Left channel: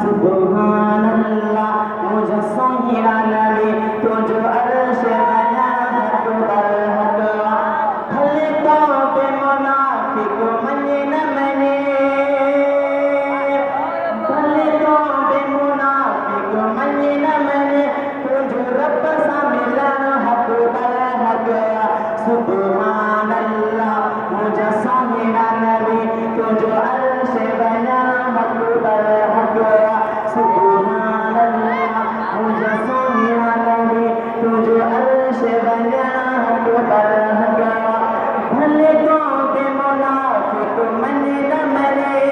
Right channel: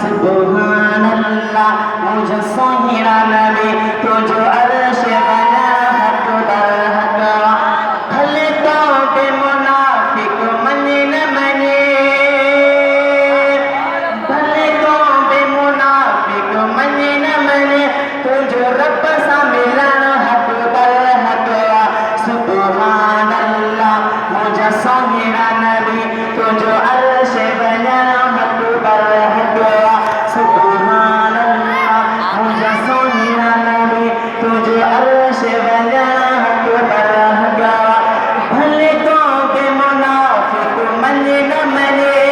सुब्हानल्लाह मुझे सोहिरा नबी तुझो अर्श बना हक दर हकवा भले तो बे मुनाफिक मने न मने भले तो बे मुनाफिक मने न मने तुझो रब सा मिलन हक दर हकवा सुब्हानल्लाह मुझे सोहिरा नबी तुझो अर्श बना हक दर हकवा सुब्हानल्लाह मुझे सोहिरा नबी तुझे अर्श बना हक दर हकवा भले तो बे मुनाफिक मने न मने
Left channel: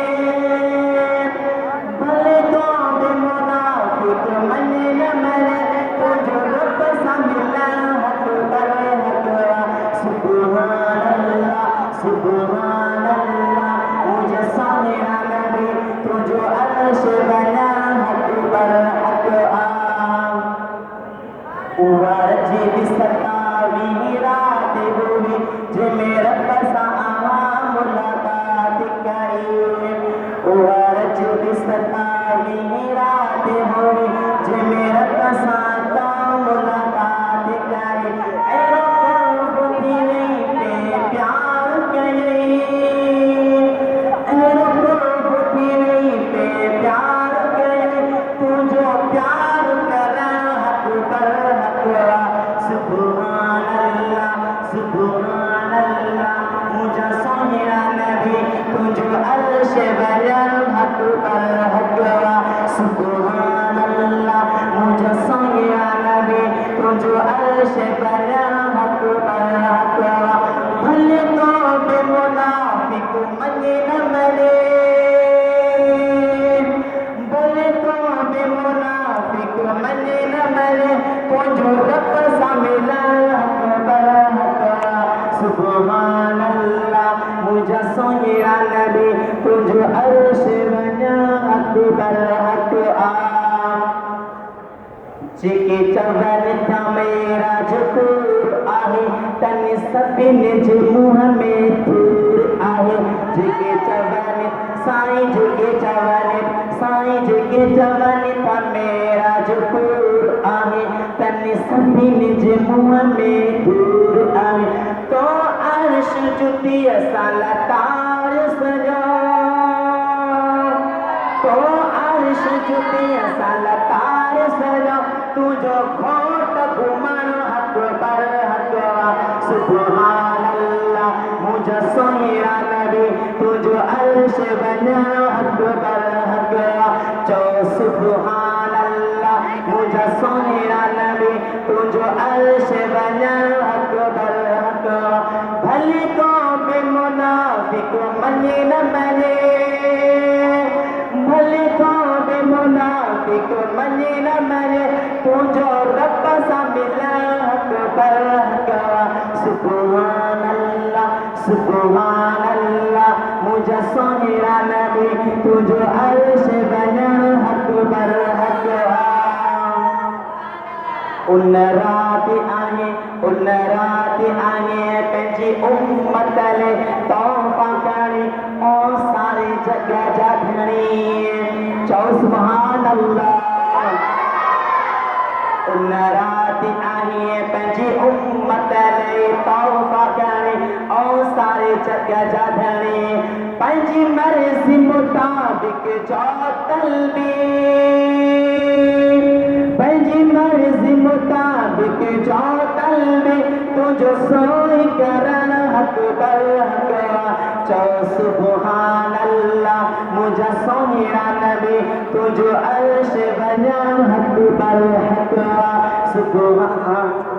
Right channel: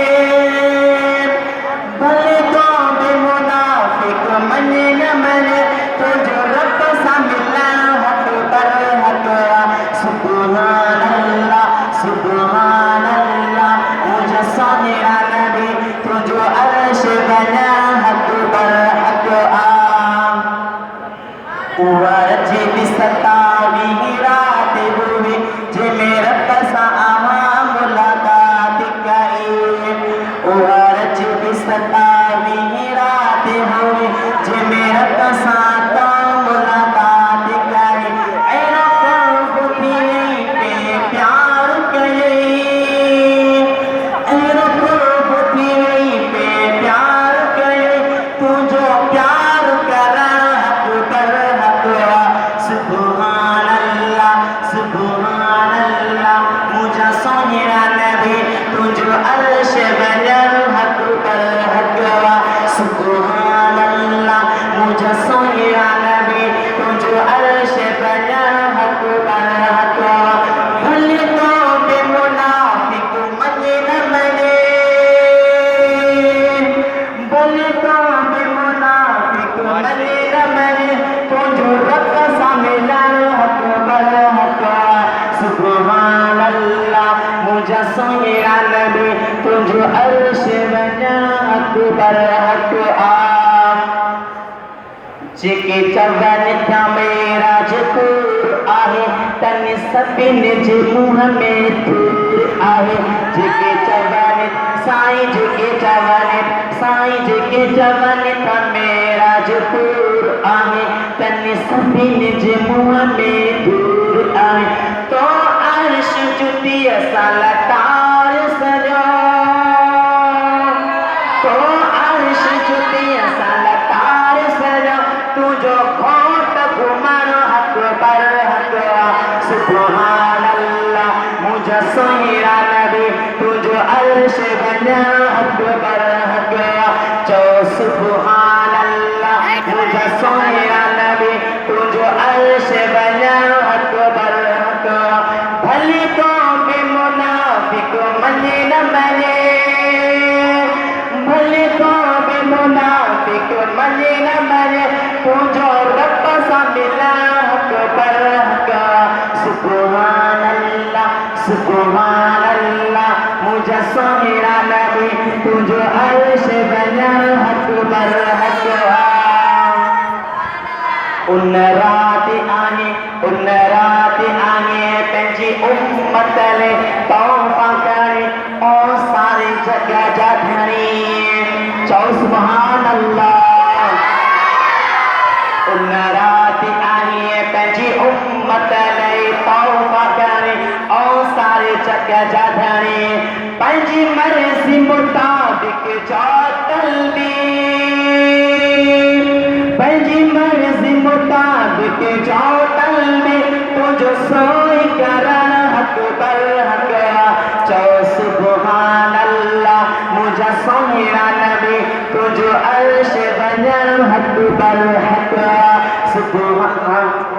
भले तो बे मुनाफिक मने न मने तुझे रब सा मिला हक दर हकवा सुब्हानल्लाह सुब्हानल्लाह मुझे सोहिरा नबी तुझे अर्श बना हक दर हकवा उवरज बिसतावी रात हुई जे मेरे पसा आवा मुलाकात करी उवरज बिसतावी रात हुई जे मेरे पसा तो मुलाकात करी ऐरो कुर्बती पे प्यार करे ऐरो कुर्बती पे प्यार करे तुझो प्यार करा हक दर हकवा सुब्हानल्लाह सुब्हानल्लाह मुझे सोहिरा नबी तुझो अर्श बना हक दर हकवा सुब्हानल्लाह मुझे सोहिरा नबी तुझो अर्श बना हक दर हकवा भले तो बे मुनाफिक मने न मने भले तो बे मुनाफिक मने न मने तुझो रब सा मिला हक दर हकवा सुब्हानल्लाह मुझे सोहिरा नबी तुझो अर्श बना हक दर हकवा जेके चवन था मेरा जकूर आहे तन सभिन जे मुंह में धूर आहे जेके चवन साईं जेके चवन था मेरा जकूर आहे तन सभिन जे मुंह में धूर आहे तो अर्श जुती असां लतार सजो तो अर्श जुती असां लतार सजो तुझो खोट घुमण हक दर हकवा सुब्हानल्लाह मुझे सोहिरा नबी तुझो अर्श बना हक दर हकवा चो सुब्हानल्लाह मुझे सोहिरा नबी तुझो अर्श बना हक दर हकवा भले तो बे मुनाफिक मने न मने भले तो बे मुनाफिक मने न मने तुझो रब सा मिला हक दर हकवा सुब्हानल्लाह सुब्हानल्लाह मुझे सोहिरा नबी तुझो अर्श बना हक दर हकवा उन रात आने पंहिंजी उम्मत ले तौफ़ा करे ओ सारे जगह जा धणी चओ सुब्हानल्लाह उन रात आने पंहिंजी उम्मत ले तौफ़ा करे ओ सारे जगह जा धणी पंहिंजी मर्ज़ी मुताबिक जो तलबी पंहिंजी मर्ज़ी मुताबिक जो तलबी तुझो सोई करण हक दर हकवा चो सुब्हानल्लाह मुझे सोहिरा नबी तुझो अर्श बना हक दर हकवा सुब्हान